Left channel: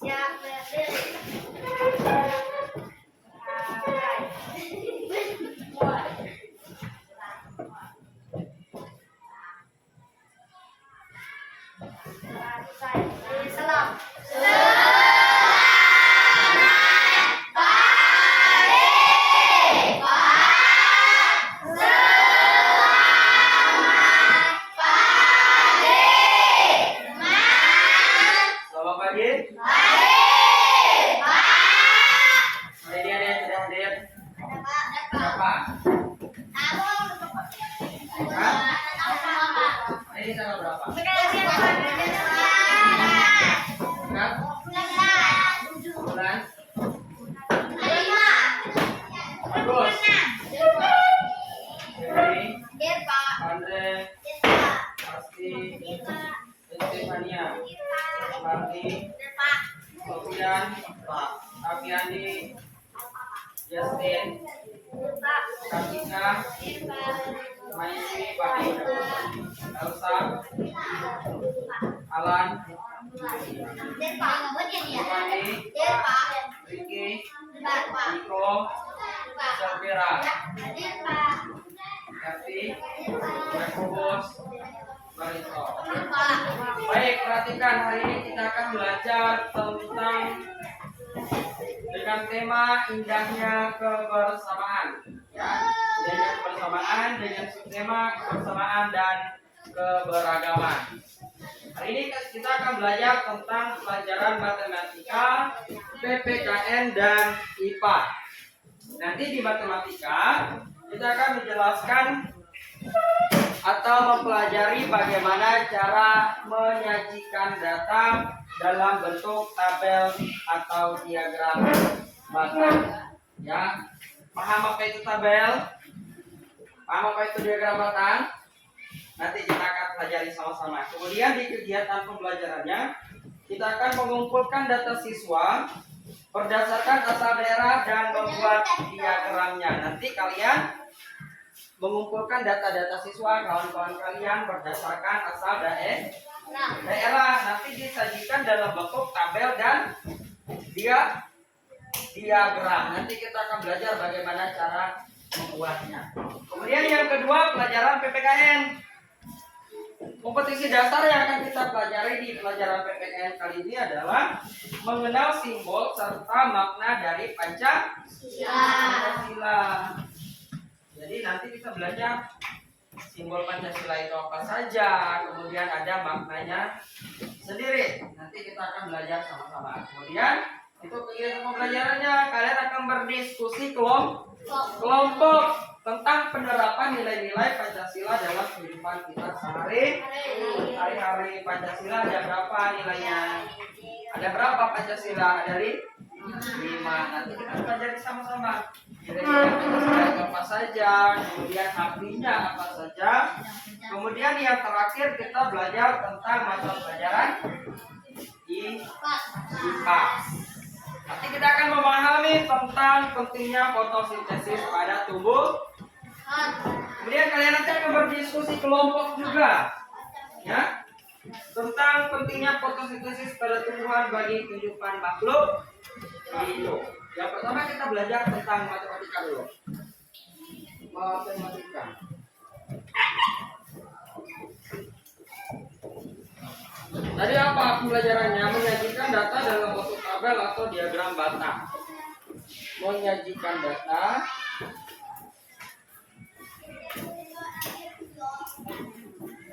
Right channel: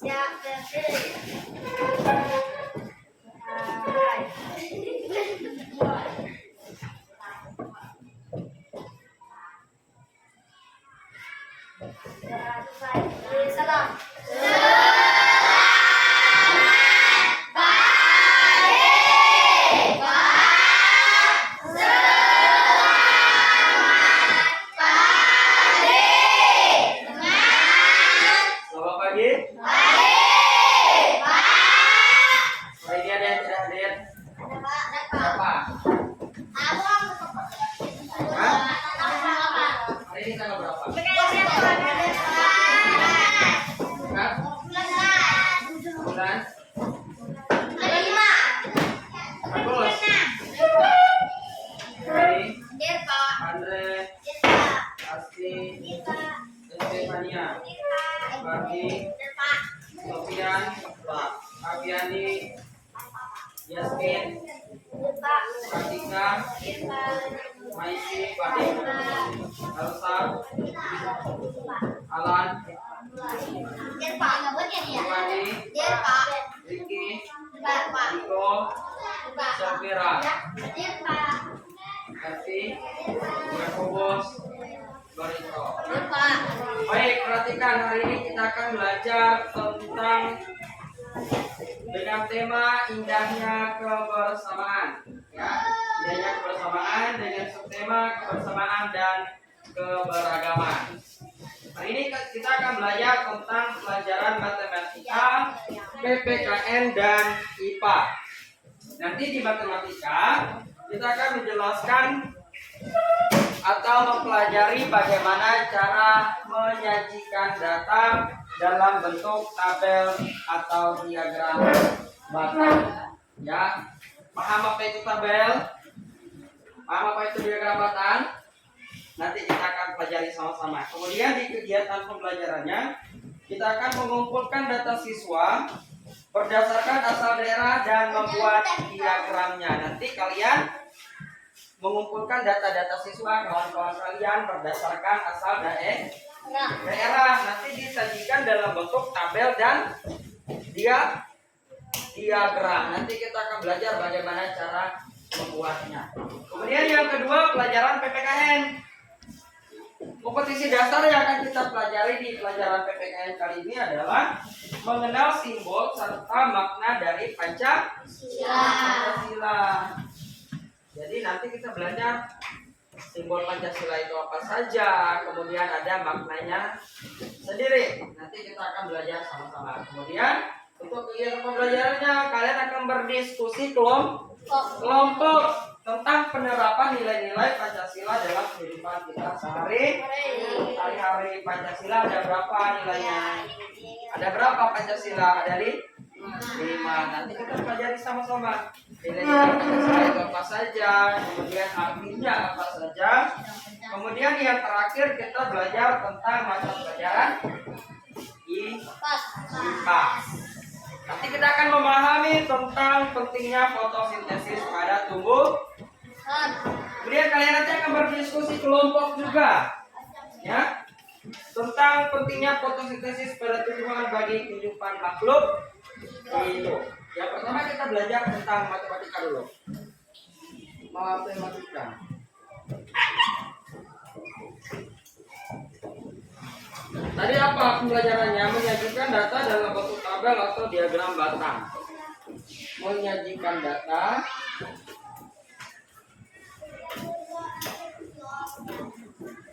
Salam. Aviani, Yasmin, Kartika, Maisi, Pati, Elsa, Alan, Giovanni, Ricky, Niko, Safira, Kathy, Yakobus, Barito. Baik, perhatikan hari ini kita akan belajar tentang dengan tema indahnya kebersamaan, ya, indahnya kebersamaan dengan subtema kebersamaan dan keberagaman. Hari ini kita akan belajar tentang pelajaran matematika, PPKN dan IPA. Nanti di matematika kita akan menjelaskan atau mempelajari bagaimana cara menyajikan data dalam bentuk tabel atau diagram batang. Ya, paham apa itu tabel? Paham apa itu diagram batang? Nanti kita akan pelajari sama-sama. Kemudian di kegiatan pembelajarannya kita akan mengumpulkan data siswa berdasarkan asal daerah dan membuat diagramnya. Nanti kalian mengumpulkan data-data siswa kawan-kawan kalian berdasarkan asal daerah, nanti disajikan dalam bentuk tabel dan diagram. Nanti kita akan belajar bagaimana cara membuatnya. Kemudian yang kedua, pelajaran PPKN. Kompetisi dasar yang akan kita pelajari di pelajaran PPKN kali ini adalah mengenal simbol serta makna dari Pancasila. Jadi nanti kita belajar simbol Pancasila itu apa saja, kemudian ada maknanya sendiri. Nanti kita akan belajar sama-sama. Kemudian untuk kegiatan pembelajarannya kalian akan berdiskusi kelompok tentang penerapan nilai-nilai Pancasila dalam kehidupan kita sehari-hari. Pancasila ada berapa nilainya? Ada berapa Pancasila? Ada 5. Nanti kita pelajari sama-sama. Nilai-nilai Pancasila itu apa saja, kemudian artinya apa saja. Kemudian yang terakhir kita belajar tentang mata pelajaran IPA. Nanti kita akan memahami tentang pentingnya fotosintesis pada tumbuh. Kemudian kalian nanti akan berdiskusi kelompok juga, ya, tentang pentingnya fotosintesis pada tumbuhan bagi kehidupan makhluk hidup. Yang pertama kita belajar tentang matematika dulu. Matematika. Tadi apa pembelajarannya? Menyajikan data dalam bentuk tabel atau diagram batang. Menyajikan data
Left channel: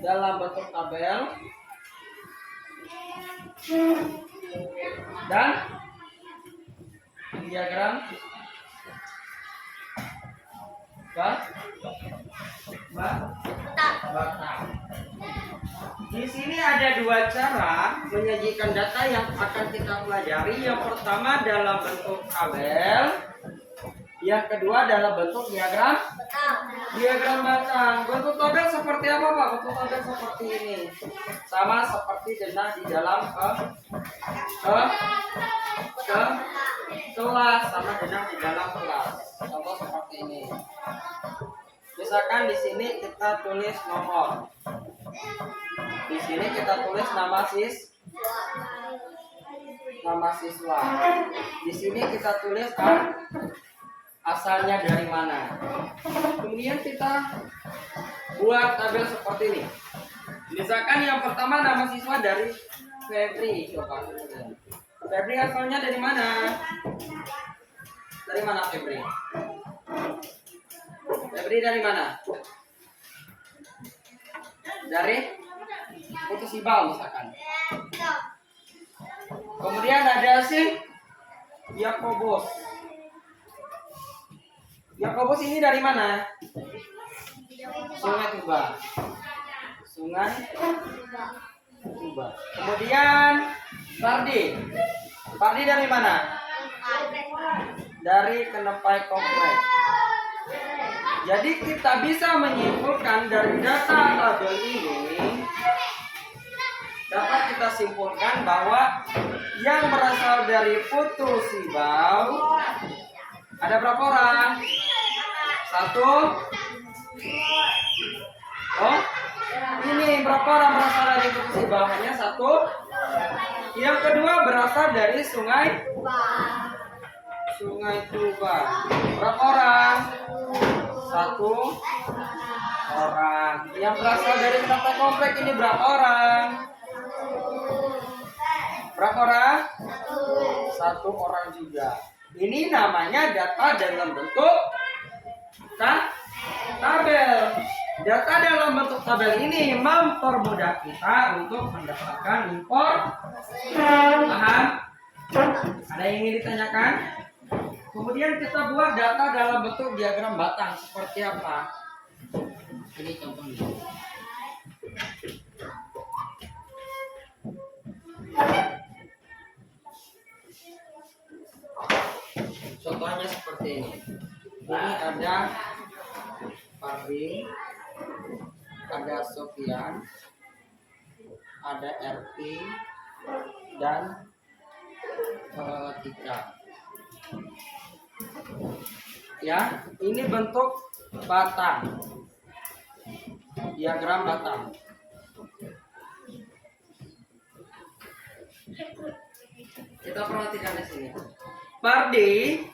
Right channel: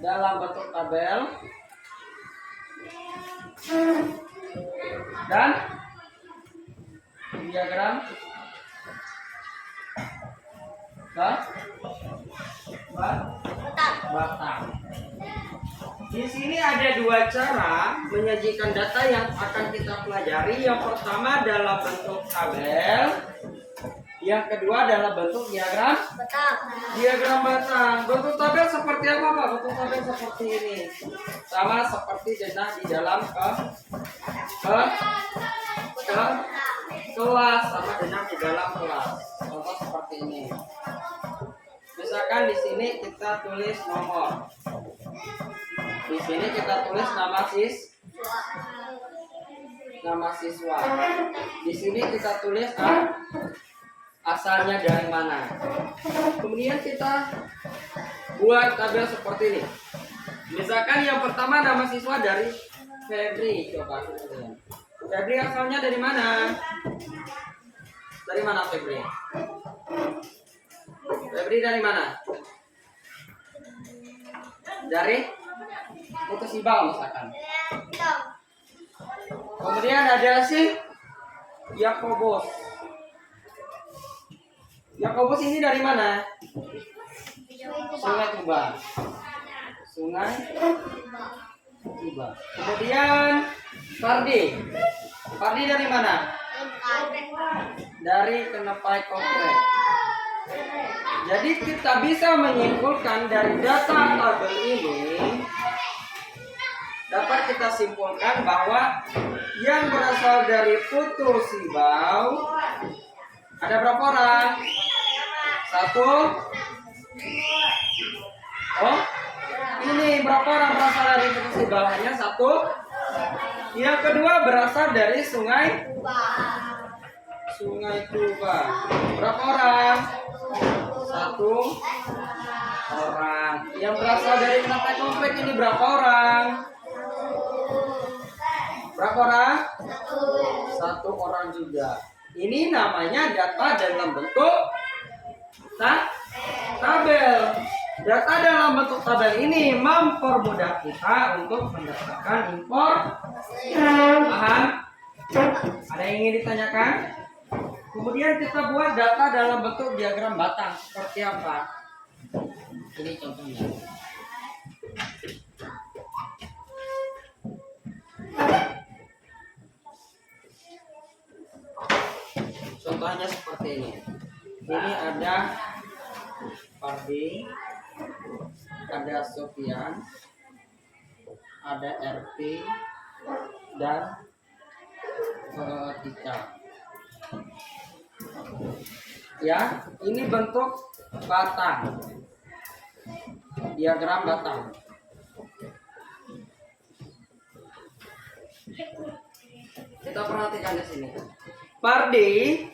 dalam bentuk tabel dan diagram batang. Di sini ada dua cara menyajikan data yang akan kita pelajari. Yang pertama dalam bentuk tabel, yang kedua dalam bentuk diagram batang. Bentuk tabel seperti apa, Pak? Bentuk tabel seperti ini, sama seperti denah di dalam kelas, sama denah di dalam kelas. Contoh seperti ini. Misalkan di sini kita tulis nomor. Di sini kita tulis nama nama siswa. Di sini kita tulis asalnya dari mana. Kemudian kita buat tabel seperti ini. Misalkan yang pertama nama siswa dari Febri. Coba Febri asalnya dari mana? Dari mana Febri? Febri dari mana? Dari Putus Ibau misalkan. Kemudian ada si Yakobus. Yakobus ini dari mana? Sungai Tuba. Sungai Tuba. Kemudian Fardi. Fardi dari mana? Dari Kenepai Komplek. Jadi kita bisa menyimpulkan dari data tabel ini, dapat kita simpulkan bahwa yang berasal dari Putus Ibau ada berapa orang? Satu. Oh, ini berapa orang berasal dari Putus Ibau? Hanya satu. Yang kedua berasal dari Sungai Tuba. Berapa orang? Satu orang. Yang berasal dari Kenepai Komplek ini berapa orang? Berapa orang? Satu orang juga. Ini namanya data dalam bentuk tabel. Data dalam bentuk tabel ini mempermudah kita untuk mendapatkan informasi. Paham? Ada yang ingin ditanyakan? Kemudian kita buat data dalam bentuk diagram batang. Seperti apa? Ini contohnya. Contohnya seperti ini. Ini ada Fardi, ada Sofian, ada RP, dan Tika. Ya, ini bentuk batang. Diagram batang. Kita perhatikan di sini. Fardi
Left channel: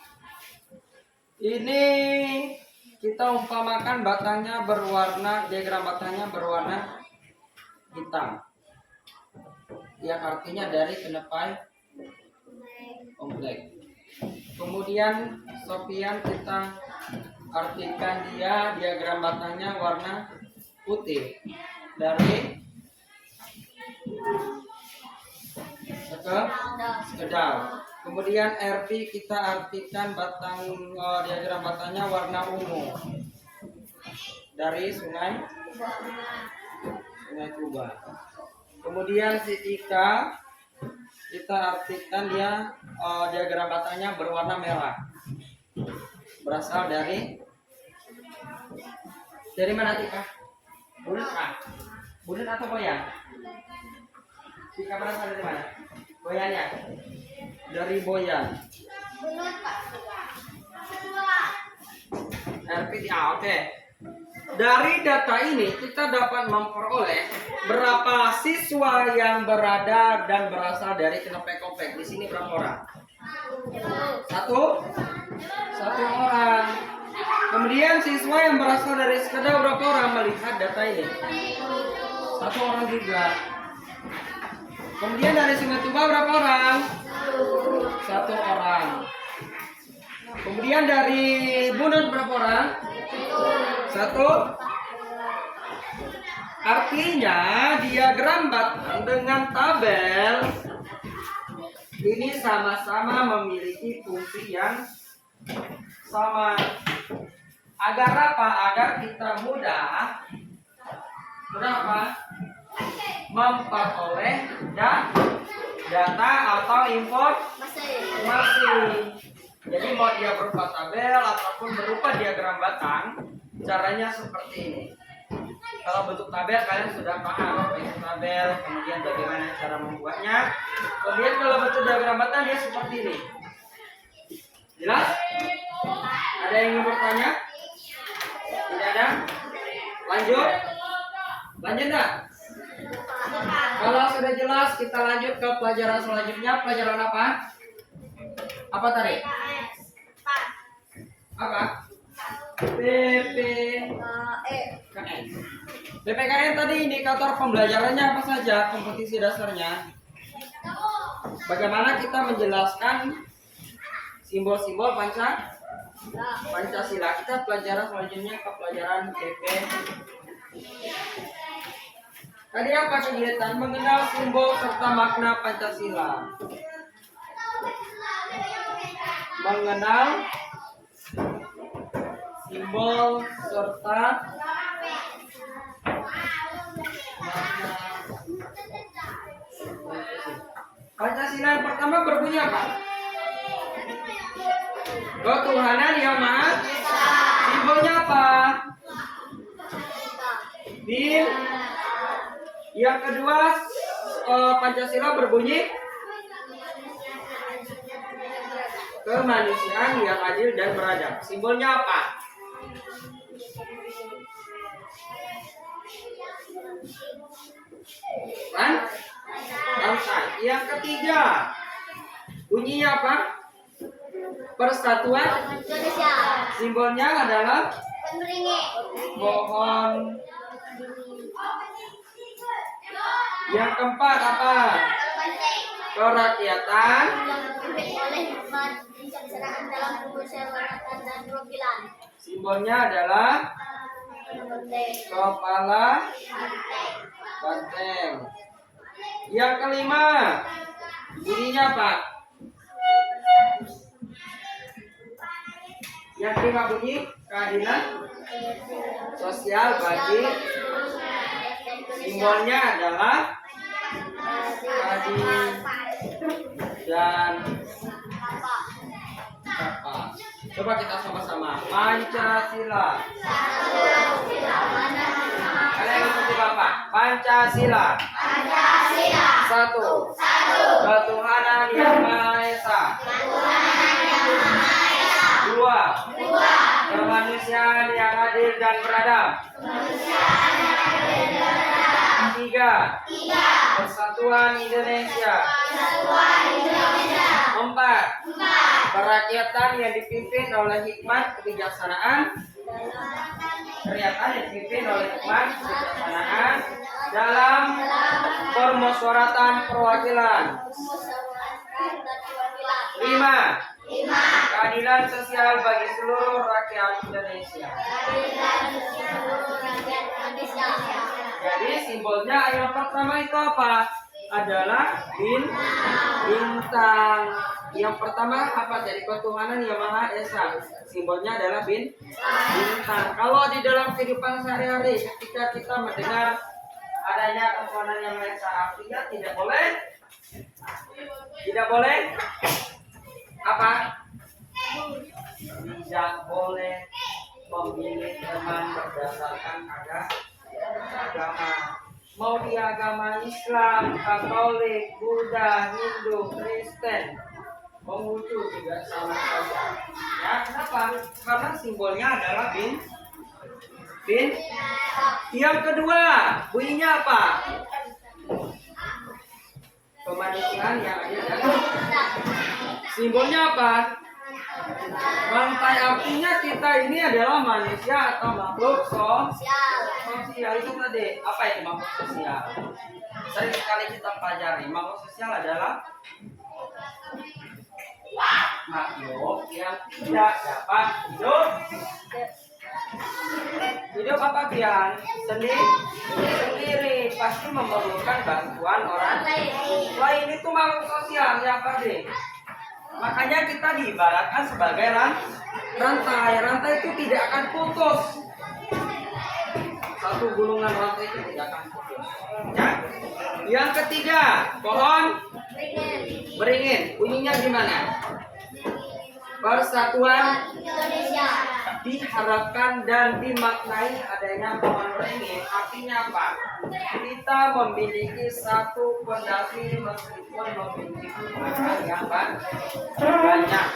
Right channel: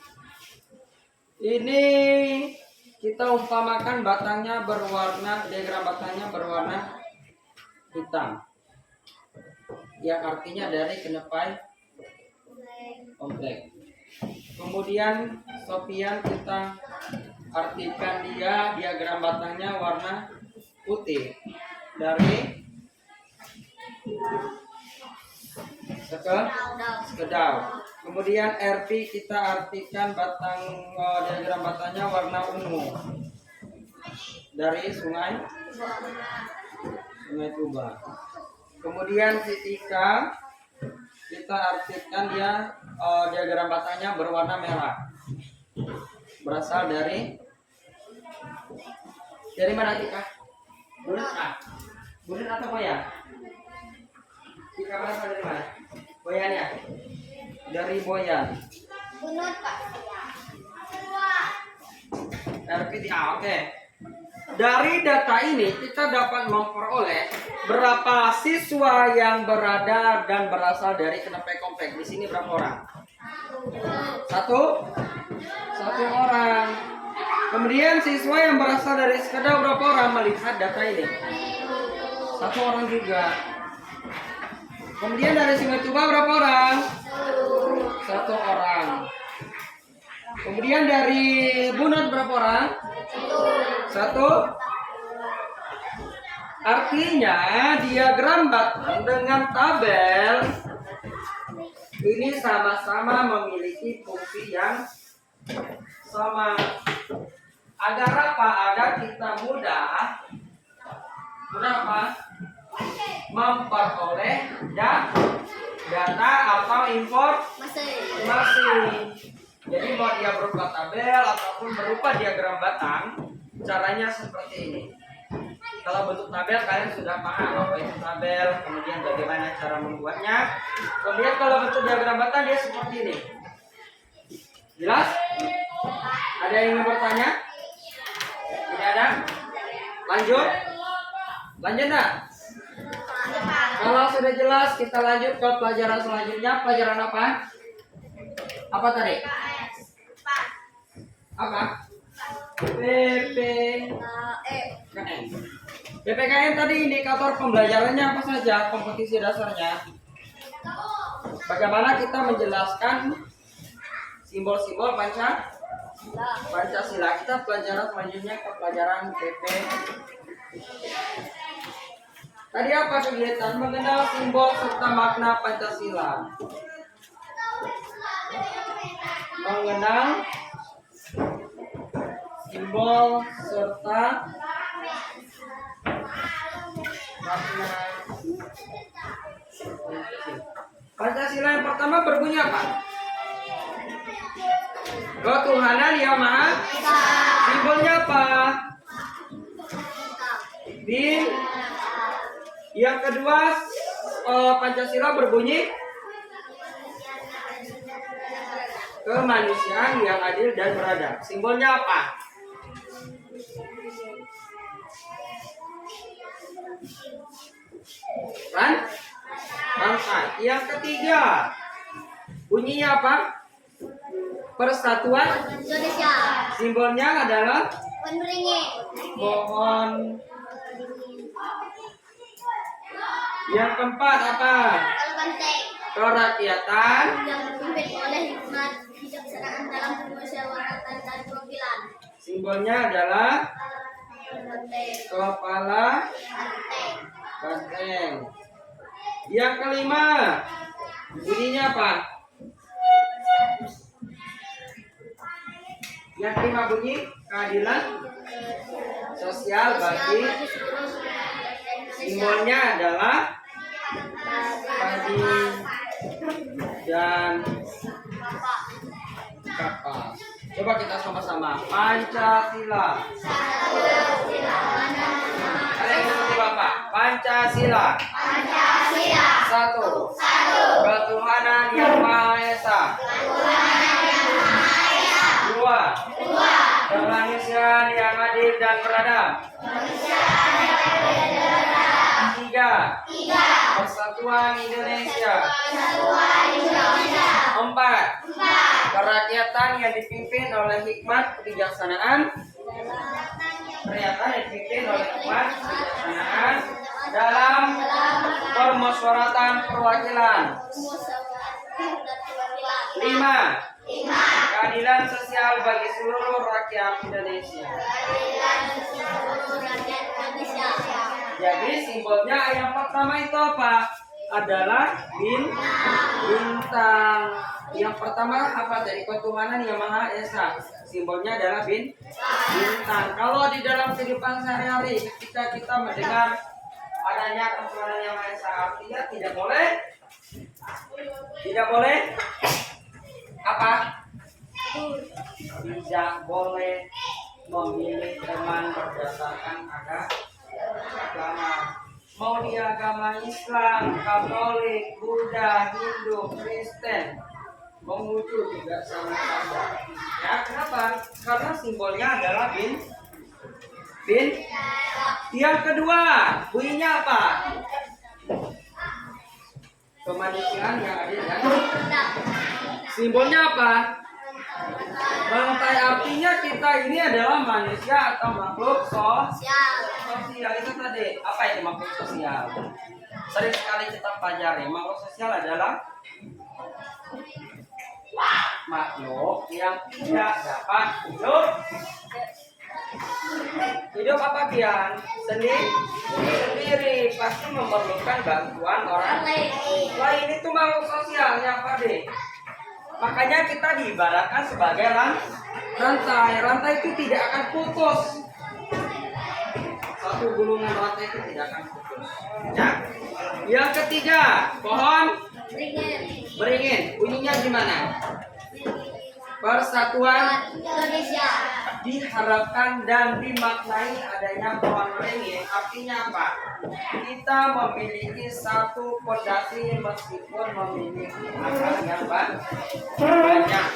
ini kita umpamakan batangnya berwarna, diagram batangnya berwarna hitam. Yang artinya dari Kenepai Komplek. Kemudian Sofian kita artikan dia diagram batangnya warna putih dari Sekedau. Kemudian RP kita artikan diagram batangnya warna ungu dari Sungai Tuba. Kemudian si Tika kita artikan dia diagram batangnya berwarna merah. Berasal dari mana Tika? Bulan atau Boyan? Tika berasal dari mana? Boyannya? Dari Boyan. RPTA, oke. Dari data ini kita dapat memperoleh berapa siswa yang berada dan berasal dari Kenepai Komplek. Di sini berapa orang? Satu orang. Kemudian siswa yang berasal dari Sekedau berapa orang melihat data ini? Satu orang juga. Kemudian dari Sungai Tuba berapa orang? Satu orang. Kemudian dari Bunut berapa orang? Satu. Artinya diagram batang dengan tabel ini sama-sama memiliki fungsi yang sama. Agar apa? Agar kita mudah apa? Memperoleh data atau informasi. Jadi mau dia berupa tabel ataupun berupa diagram batang, caranya seperti ini. Kalau bentuk tabel kalian sudah paham apa itu tabel, kemudian bagaimana cara membuatnya. Kemudian kalau bentuk diagram batang dia seperti ini. Jelas? Ada yang ingin bertanya? Tidak ada? Lanjut enggak? Kalau sudah jelas, kita lanjut ke pelajaran selanjutnya. Pelajaran apa? Apa tadi? Apa? PPKN. PPKN tadi indikator pembelajarannya apa saja? Kompetisi dasarnya. Bagaimana kita menjelaskan simbol-simbol Pancasila. Kita pelajaran selanjutnya ke pelajaran PP. Tadi apa kegiatan? Mengenal simbol serta makna Pancasila. Mengenal simbol serta makna Pancasila. Yang pertama berbunyi apa? Ketuhanan Yang Maha. Simbolnya apa? Bin. Yang kedua, Pancasila berbunyi kemanusiaan yang adil dan beradab. Simbolnya apa? Rantai. Yang ketiga, bunyinya apa? Persatuan Indonesia. Simbolnya adalah pohon. Yang keempat apa? Kerakyatan Yang dipimpin oleh hikmat bijaksanaan dalam permusyawaratan dan perwakilan. Simbolnya adalah kepala banteng. Yang kelima, bunyinya apa? Yang kelima bunyi keadilan sosial bagi. Simbolnya adalah padi dan kapas. Coba kita sama-sama. Pancasila. Kalian ikuti Bapak. Pancasila. Satu. Ketuhanan Yang Maha Esa. Dua. Kemanusiaan yang adil dan beradab. Tiga. Persatuan Indonesia. Empat. Kerakyatan yang dipimpin oleh hikmat kebijaksanaan. Dalam permusyawaratan perwakilan. 5. Keadilan sosial bagi seluruh rakyat Indonesia. Jadi simbolnya yang pertama itu apa? Adalah bintang. Yang pertama apa? Dari ketuhanan Yang Maha Esa. Simbolnya adalah bintang. Kalau di dalam kehidupan sehari-hari ketika kita mendengar adanya ketuhanan Yang Maha Esa, artinya tidak boleh apa? Tidak boleh memilih teman berdasarkan agama. Mau di agama Islam, Katolik, Buddha, Hindu, Kristen, Konghucu juga sama saja. Ya, kenapa? Karena simbolnya adalah bin. Yang kedua, bunyinya apa? Kemanusiaan yang adil dan simbolnya apa? Rantai, artinya kita ini adalah manusia atau makhluk sosial. Itu tadi apa itu makhluk sosial? Sering sekali kita pelajari makhluk sosial adalah makhluk yang tidak dapat hidup apa Pian? Sendiri pasti memerlukan bantuan orang lain. Wah, ini tuh makhluk sosial ya Pak D. Makanya kita diibaratkan sebagai rantai. Rantai itu tidak akan putus. Satu gulungan rantai itu tidak akan putus. Ya. Yang ketiga, pohon beringin. Bunyinya gimana? Persatuan Indonesia. Diharapkan dan dimaknai adanya pohon beringin. Artinya apa? Kita memiliki satu fondasi meskipun memiliki akar yang banyak.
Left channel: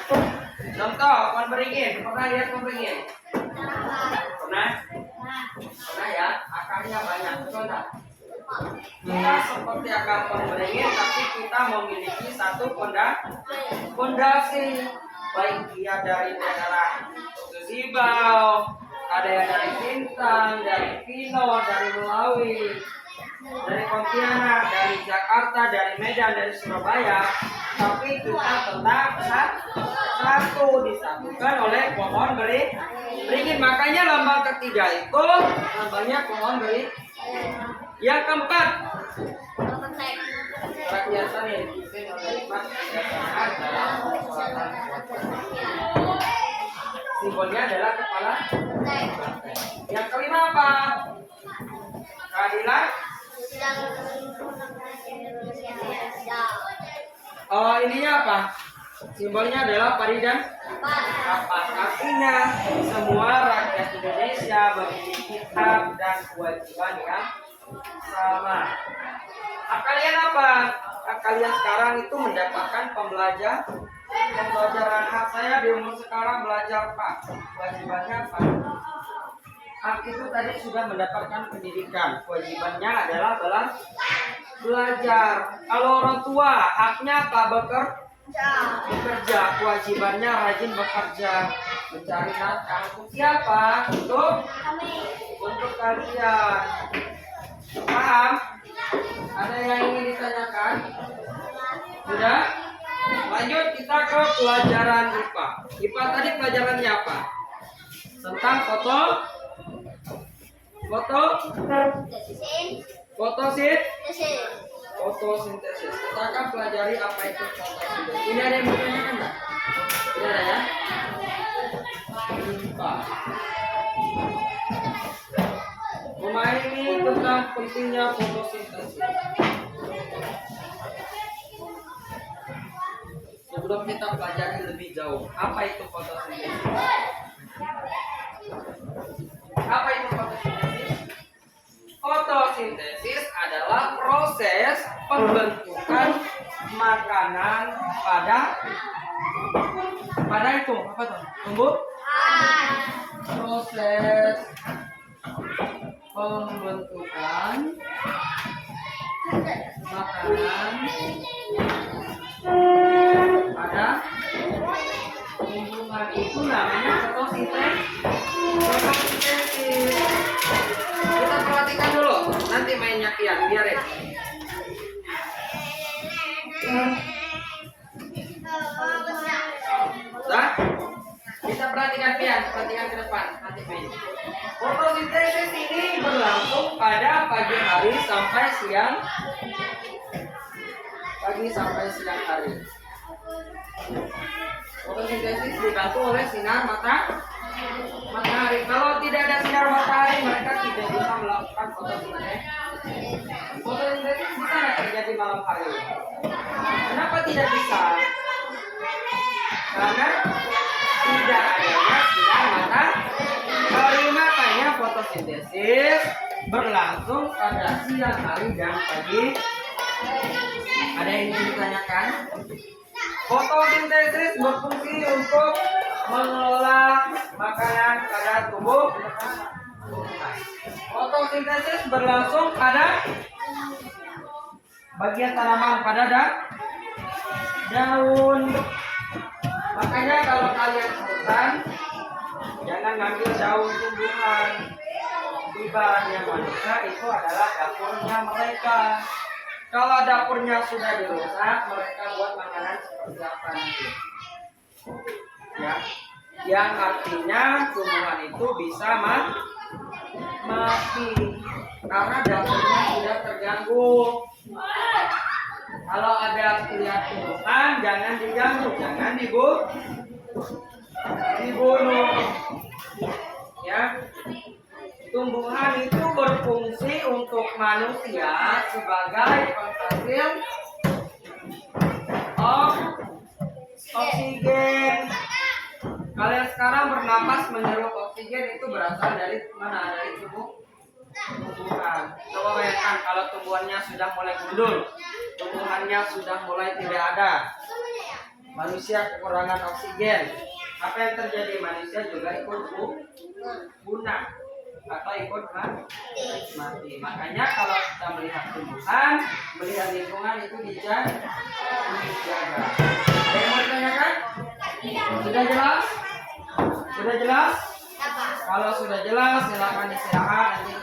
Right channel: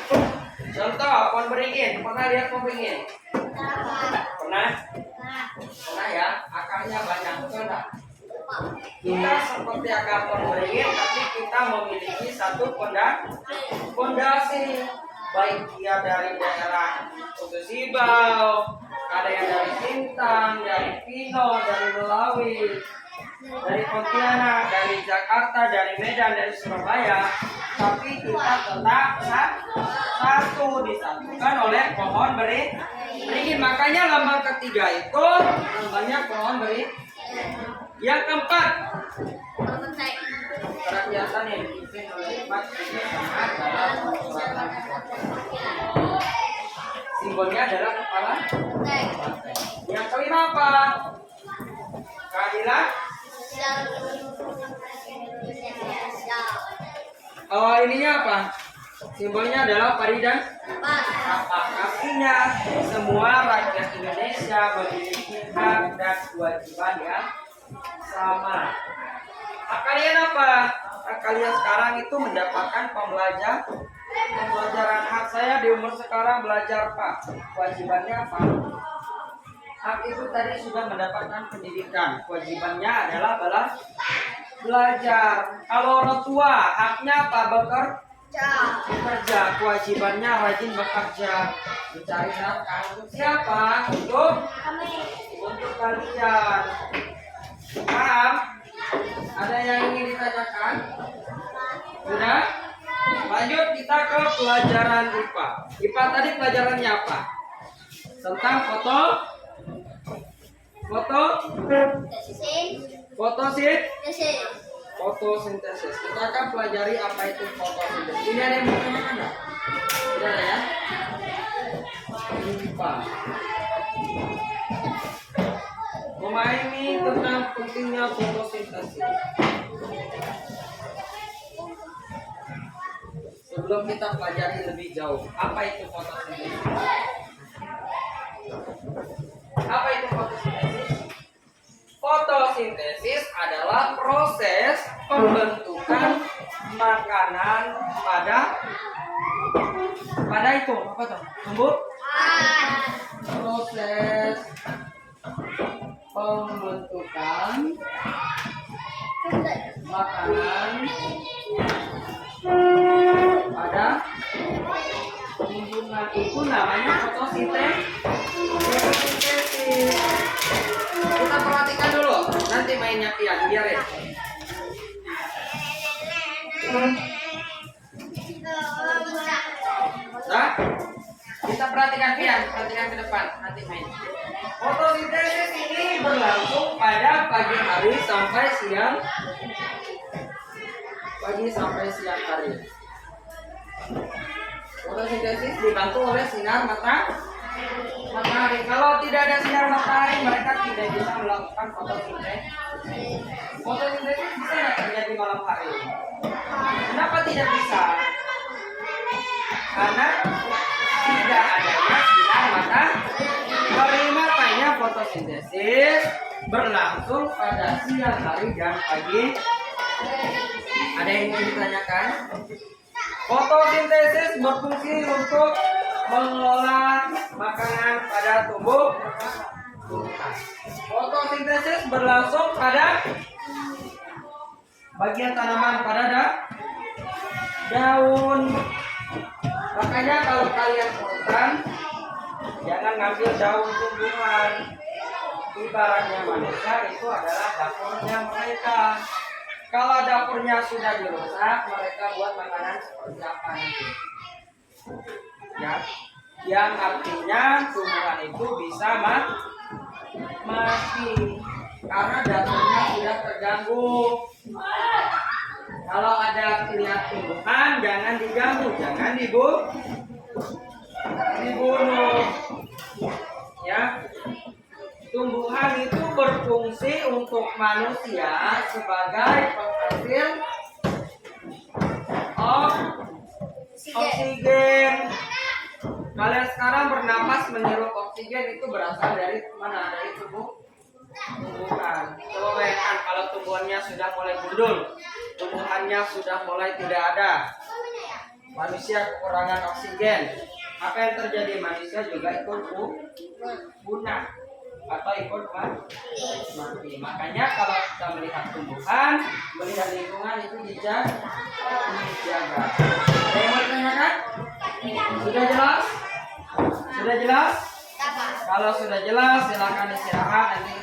Contoh pohon beringin. Pernah lihat pohon beringin? Pernah ya? Akarnya banyak. Betul tak? Kita seperti akan pemberingin, tapi kita memiliki satu fondasi. Baik dia dari daerah Sibau, ada yang dari Sintang, dari Pino, dari Melawi, dari Pontianak, dari Jakarta, dari Medan, dari Surabaya, tapi kita tetap satu disatukan oleh pohon beringin. Makanya lambang ketiga itu lambangnya pohon beringin. Yang keempat, kerakyatan yang dipimpin oleh hikmat kebijaksanaan dalam persolatan kekuatan. Simbolnya adalah kepala banteng. Yang kelima apa? Keadilan. Ininya apa? Simbolnya adalah padi dan kapas. Artinya semua rakyat Indonesia memiliki hak dan kewajiban yang sama. Hak kalian apa? Hak kalian sekarang itu mendapatkan pembelajaran. Hak saya di umur sekarang belajar, Pak. Kewajibannya apa? Hak itu tadi sudah mendapatkan pendidikan. Kewajibannya adalah belajar. Kalau orang tua, haknya apa? Bekerja. Kewajibannya rajin bekerja, mencari nafkah. Untuk siapa? Untuk kalian. Paham? Ada yang ingin ditanyakan? Sudah? Lanjut kita ke pelajaran IPA. IPA tadi pelajarannya apa? Tentang fotosintesis. Kita akan pelajari apa itu fotosintesis. Ini ada yang mau tanyakan nggak? Tidak ada ya? IPA. Ini tentang pentingnya fotosintesis. Sebelum kita pelajari lebih jauh, apa itu fotosintesis? Apa itu fotosintesis? Fotosintesis adalah proses pembentukan makanan pada itu apa tuh? Tumbuhan. Proses pembentukan makanan pada tumbuhan itu namanya fotosintesis. Kita perhatikan dulu, nanti mainnya pian, biarin. Nah, kita perhatikan pian, perhatikan ke depan, nanti main. Fotosintesis ini berlangsung pada pagi hari sampai siang hari. Fotosintesis dibantu oleh sinar matahari. Kalau tidak ada sinar matahari, mereka tidak bisa melakukan fotosintesis. Fotosintesis bisa nggak terjadi malam hari? Kenapa tidak bisa? Karena tidak adanya sinar matahari. Makanya fotosintesis berlangsung pada siang hari dan pagi. Ada yang ingin ditanyakan? Fotosintesis berfungsi untuk mengelola makanan pada tumbuhan. Fotosintesis berlangsung pada bagian tanaman pada daun. Makanya kalau kalian ke hutan, jangan ngambil daun tumbuhan. Ibaratnya manusia itu adalah dapurnya mereka. Kalau dapurnya sudah dirusak, mereka buat makanan seperti apa nanti? Ya, yang artinya tumbuhan itu bisa mati karena dapurnya sudah terganggu. Kalau ada lihat tumbuhan, jangan diganggu, jangan dibunuh. Ya. Tumbuhan itu berfungsi untuk manusia sebagai penghasil oksigen. Kalian sekarang bernapas menghirup oksigen itu berasal dari mana? Dari tumbuhan. Coba bayangkan kalau tumbuhannya sudah mulai gundul, tumbuhannya sudah mulai tidak ada, manusia kekurangan oksigen. Apa yang terjadi? Manusia juga ikut punah. atau ikut mati. Makanya kalau kita melihat tumbuhan, melihat lingkungan itu dijaga. Ada yang mau ditanyakan? Sudah jelas? Sudah jelas? Kalau sudah jelas, silakan istirahat. Nanti